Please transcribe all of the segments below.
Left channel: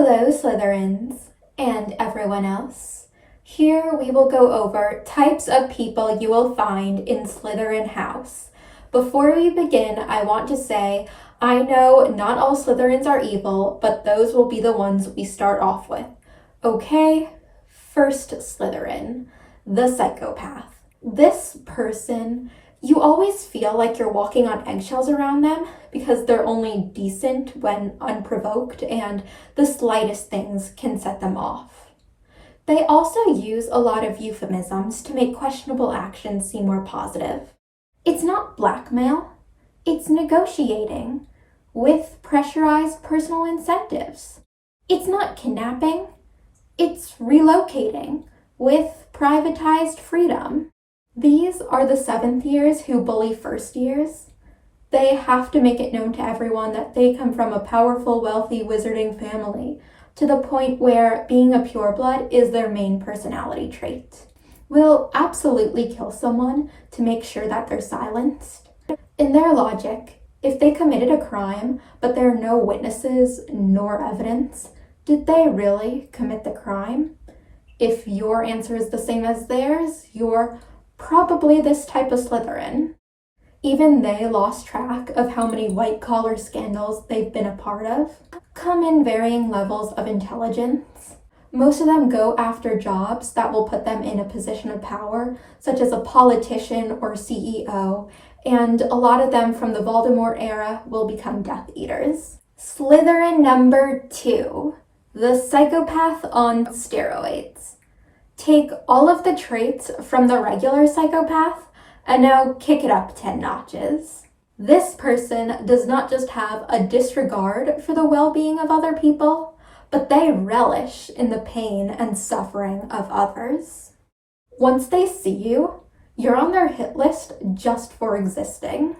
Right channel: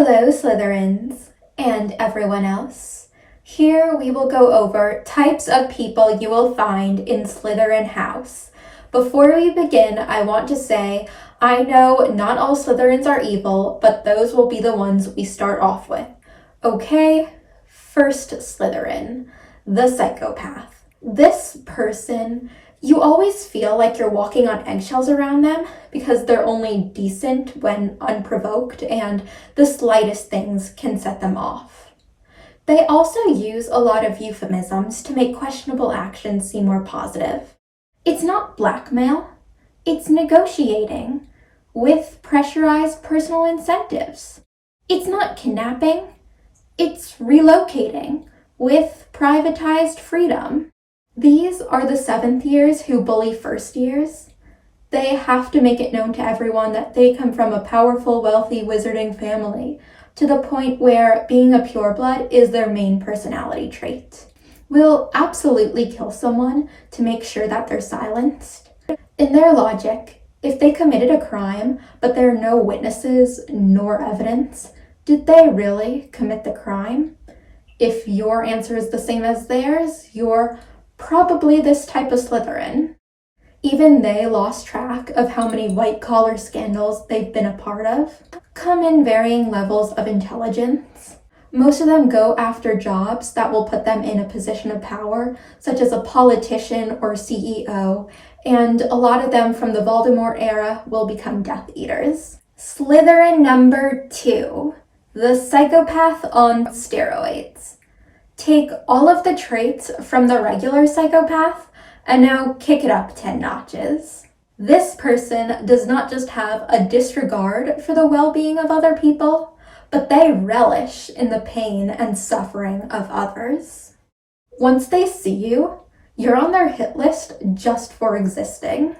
Hello, Slytherins, and everyone else. Here we will go over types of people you will find in Slytherin House. Before we begin, I want to say, I know not all Slytherins are evil, but those will be the ones we start off with. Okay, first Slytherin, the psychopath. This person, you always feel like you're walking on eggshells around them because they're only decent when unprovoked and the slightest things can set them off. They also use a lot of euphemisms to make questionable actions seem more positive. It's not blackmail, it's negotiating with pressurized personal incentives. It's not kidnapping, it's relocating with privatized freedom. These are the 7th years who bully first years. They have to make it known to everyone that they come from a powerful, wealthy wizarding family, to the point where being a pureblood is their main personality trait. Will absolutely kill someone to make sure that they're silenced. In their logic, if they committed a crime, but there are no witnesses nor evidence, did they really commit the crime? If your answer is the same as theirs, you're probably this type of Slytherin. Even they lost track of how many white-collar scandals they've been a part of. Come in varying levels of intelligence. Most of them go after jobs that will put them in a position of power, such as a politician or CEO, and a lot of them from the Voldemort era will become Death Eaters. Slytherin number 2, the psychopath on steroids. Take all of the traits from the regular psychopath and now kick it up 10 notches. This person does not just have a disregard for the well-being of other people, but they relish in the pain and suffering of others. Once they see you, you're on their hit list just for existing.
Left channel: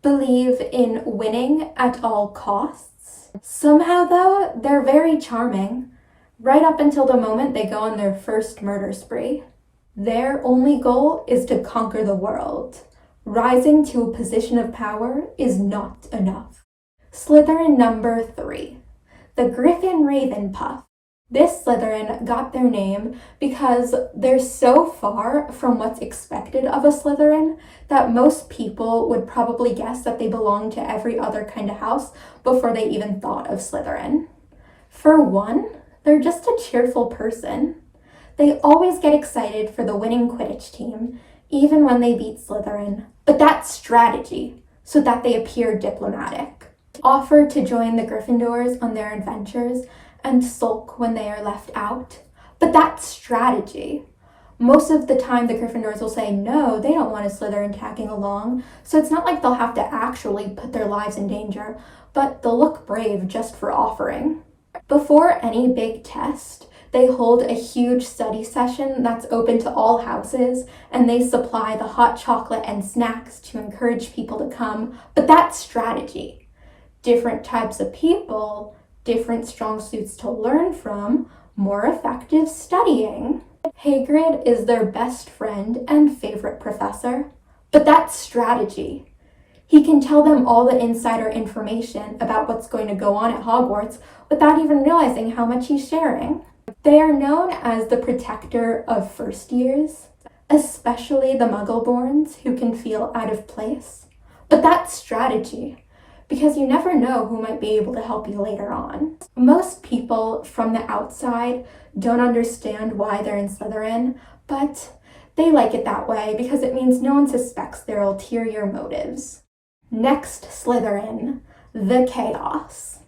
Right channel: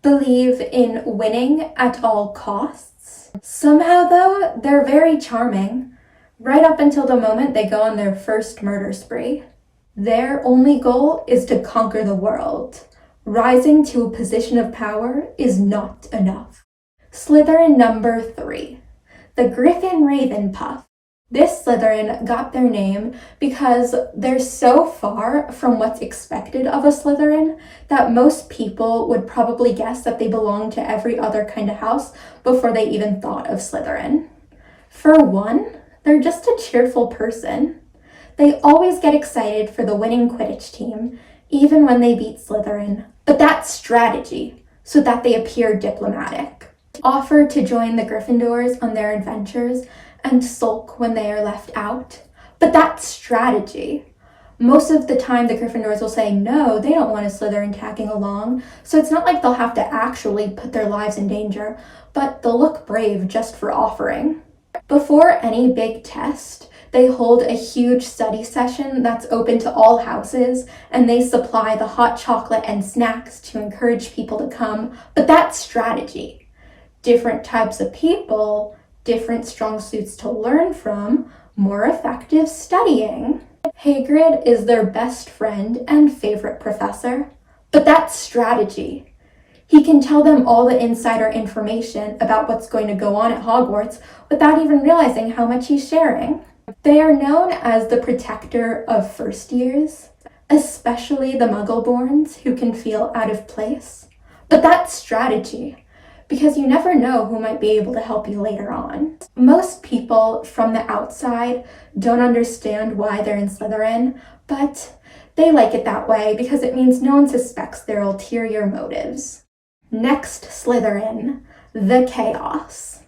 Believe in winning at all costs. Somehow though, they're very charming. Right up until the moment they go on their first murder spree. Their only goal is to conquer the world. Rising to a position of power is not enough. Slytherin number 3, the Griffin Ravenpuff. This Slytherin got their name because they're so far from what's expected of a Slytherin that most people would probably guess that they belong to every other kind of house before they even thought of Slytherin. For one, they're just a cheerful person. They always get excited for the winning Quidditch team, even when they beat Slytherin. But that's strategy, so that they appear diplomatic. Offer to join the Gryffindors on their adventures and sulk when they are left out. But that's strategy. Most of the time the Gryffindors will say no, they don't want a Slytherin tagging along, so it's not like they'll have to actually put their lives in danger, but they'll look brave just for offering. Before any big test, they hold a huge study session that's open to all houses, and they supply the hot chocolate and snacks to encourage people to come, but that's strategy. Different types of people, different strong suits to learn from, more effective studying. Hagrid is their best friend and favorite professor, but that's strategy. He can tell them all the insider information about what's going to go on at Hogwarts without even realizing how much he's sharing. They are known as the protector of first years, especially the Muggleborns who can feel out of place. But that's strategy, because you never know who might be able to help you later on. Most people from the outside don't understand why they're in Slytherin, but they like it that way because it means no one suspects their ulterior motives. Next Slytherin, the Chaos.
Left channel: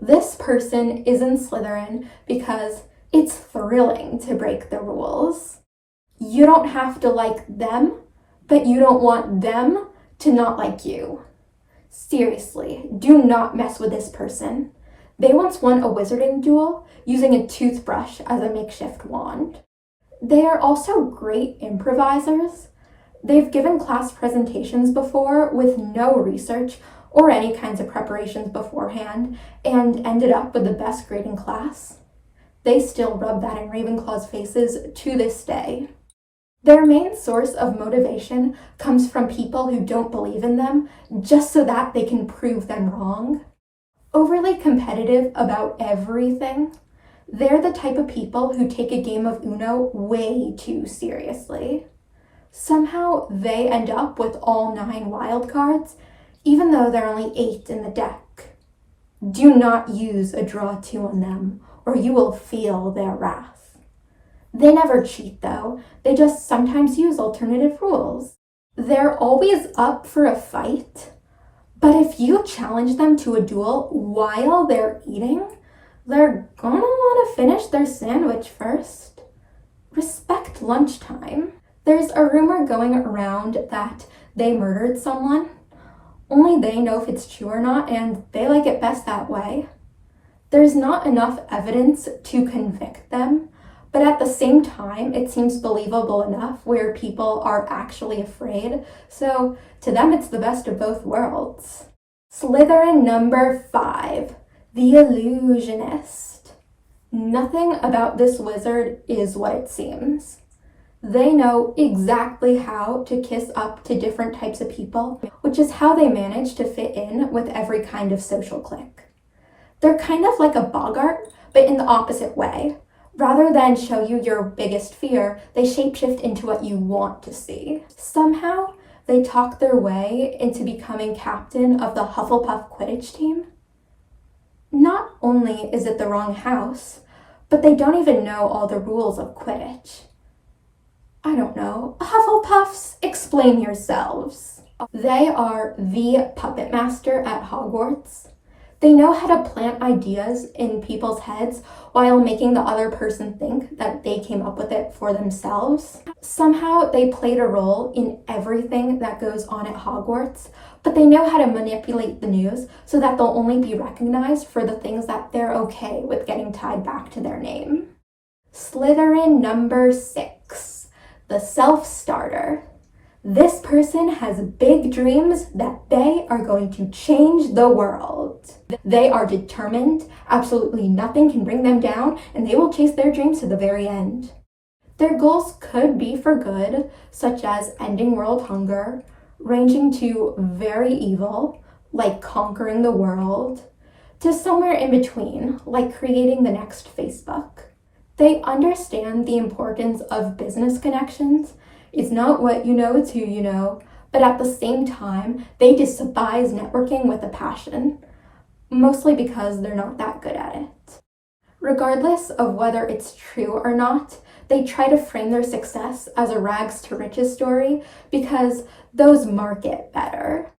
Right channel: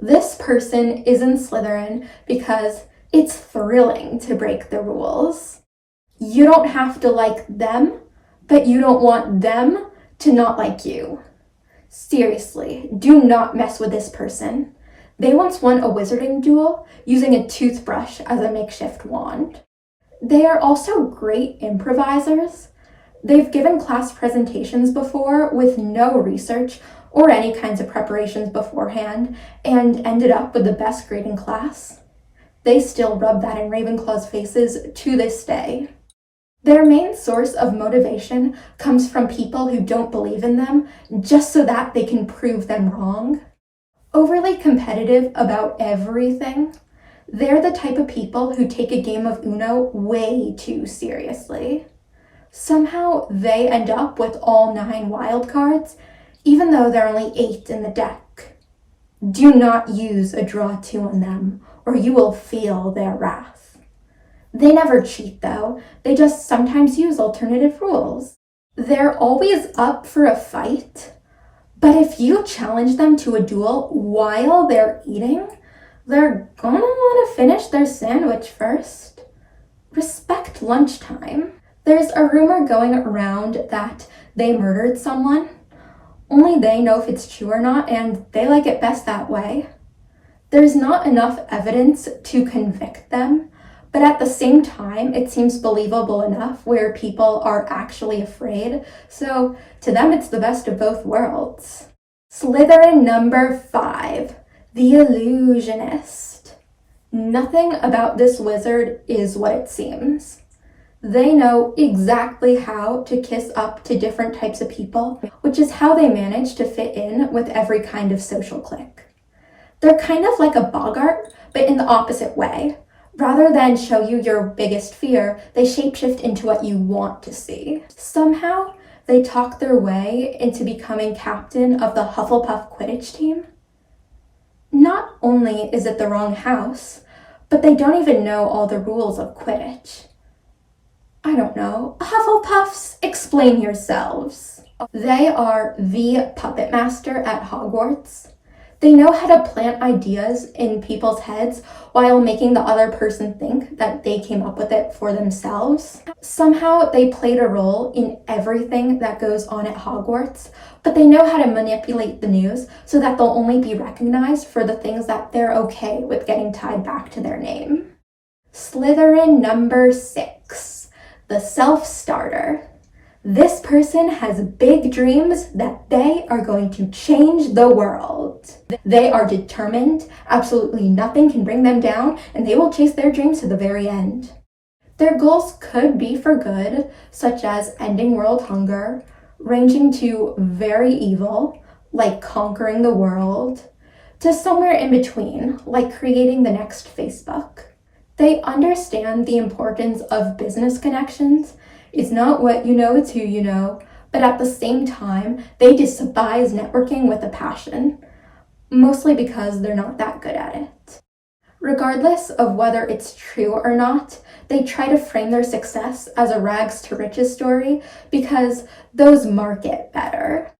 This person is in Slytherin because it's thrilling to break the rules. You don't have to like them, but you don't want them to not like you. Seriously, do not mess with this person. They once won a wizarding duel using a toothbrush as a makeshift wand. They are also great improvisers. They've given class presentations before with no research or any kinds of preparations beforehand and ended up with the best grade in class. They still rub that in Ravenclaw's faces to this day. Their main source of motivation comes from people who don't believe in them just so that they can prove them wrong. overly competitive about everything. They're the type of people who take a game of Uno way too seriously. Somehow they end up with all 9 wild cards, even though there are only 8 in the deck. Do not use a draw 2 on them, or you will feel their wrath. They never cheat though, they just sometimes use alternative rules. They're always up for a fight, but if you challenge them to a duel while they're eating, they're gonna want to finish their sandwich first. Respect lunchtime. There's a rumor going around that they murdered someone. Only they know if it's true or not, and they like it best that way. There's not enough evidence to convict them, but at the same time, it seems believable enough where people are actually afraid, so to them it's the best of both worlds. Slytherin number 5, the Illusionist. Nothing about this wizard is what it seems. They know exactly how to kiss up to different types of people, which is how they manage to fit in with every kind of social clique. They're kind of like a boggart, but in the opposite way. Rather than show you your biggest fear, they shapeshift into what you want to see. Somehow, they talk their way into becoming captain of the Hufflepuff Quidditch team. Not only is it the wrong house, but they don't even know all the rules of Quidditch. I don't know. Hufflepuffs, explain yourselves. They are the puppet master at Hogwarts. They know how to plant ideas in people's heads while making the other person think that they came up with it for themselves. Somehow they played a role in everything that goes on at Hogwarts, but they know how to manipulate the news so that they'll only be recognized for the things that they're okay with getting tied back to their name. Slytherin number 6, the self-starter. This person has big dreams that they are going to change the world. They are determined, absolutely nothing can bring them down, and they will chase their dreams to the very end. Their goals could be for good, such as ending world hunger, ranging to very evil, like conquering the world, to somewhere in between, like creating the next Facebook. They understand the importance of business connections. It's not what you know, it's who you know, but at the same time, they despise networking with a passion, mostly because they're not that good at it. Regardless of whether it's true or not, they try to frame their success as a rags to riches story because those market better.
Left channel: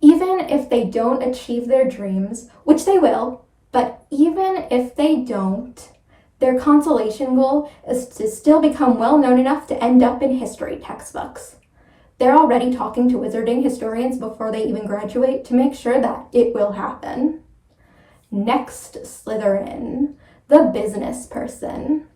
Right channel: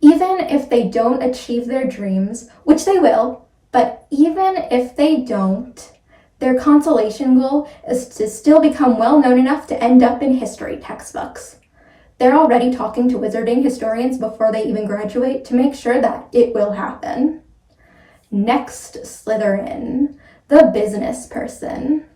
Even if they don't achieve their dreams, which they will, but even if they don't, their consolation goal is to still become well known enough to end up in history textbooks. They're already talking to wizarding historians before they even graduate to make sure that it will happen. Next Slytherin, the business person.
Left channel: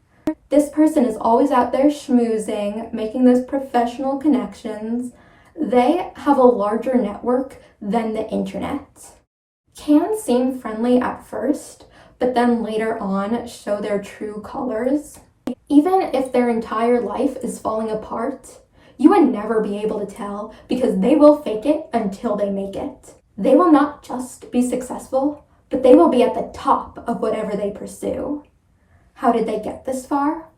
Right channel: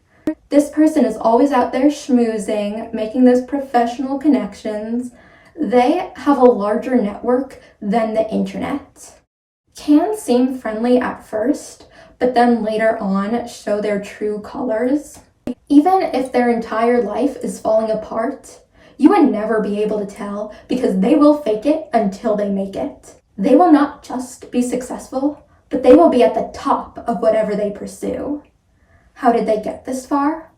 This person is always out there schmoozing, making those professional connections. They have a larger network than the internet. Can seem friendly at first, but then later on show their true colors. Even if their entire life is falling apart, you would never be able to tell because they will fake it until they make it. They will not just be successful, but they will be at the top of whatever they pursue. How did they get this far?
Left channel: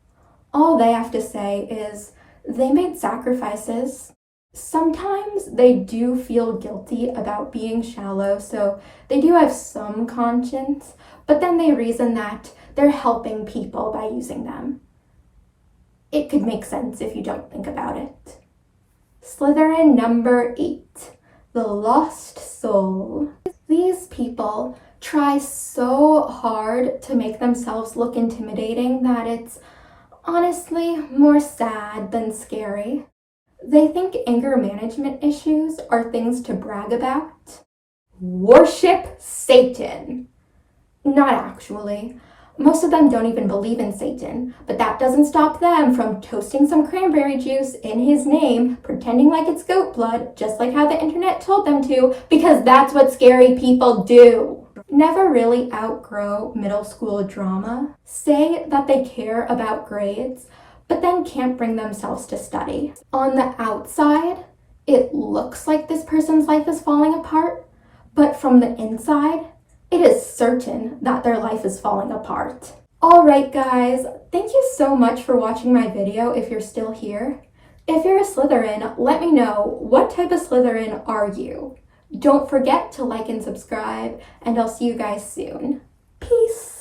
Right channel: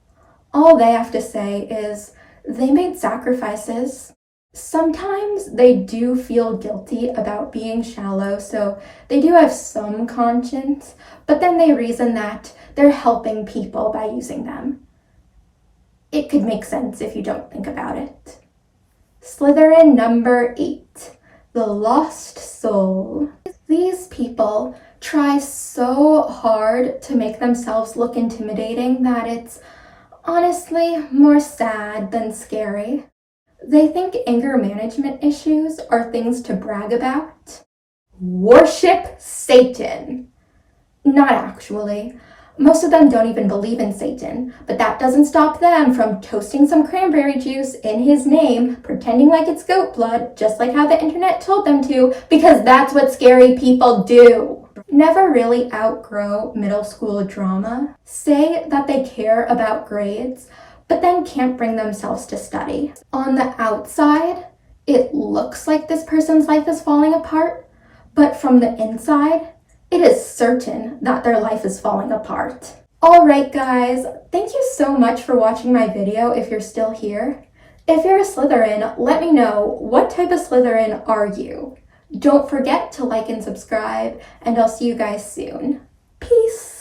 All they have to say is they made sacrifices. Sometimes they do feel guilty about being shallow, so they do have some conscience, but then they reason that they're helping people by using them. It could make sense if you don't think about it. Slytherin number 8, the lost soul. These people try so hard to make themselves look intimidating that it's honestly more sad than scary. They think anger management issues are things to brag about. Worship Satan. Not actually. Most of them don't even believe in Satan, but that doesn't stop them from toasting some cranberry juice in his name, pretending like it's goat blood, just like how the internet told them to, because that's what scary people do. Never really outgrow middle school drama. Say that they care about grades, but then can't bring themselves to study. On the outside, it looks like this person's life is falling apart, but from the inside, it is certain that their life is falling apart. Alright guys, thank you so much for watching my video if you're still here. If you're a Slytherin, let me know, what type of Slytherin are you? Don't forget to like and subscribe, and I'll see you guys soon. Peace!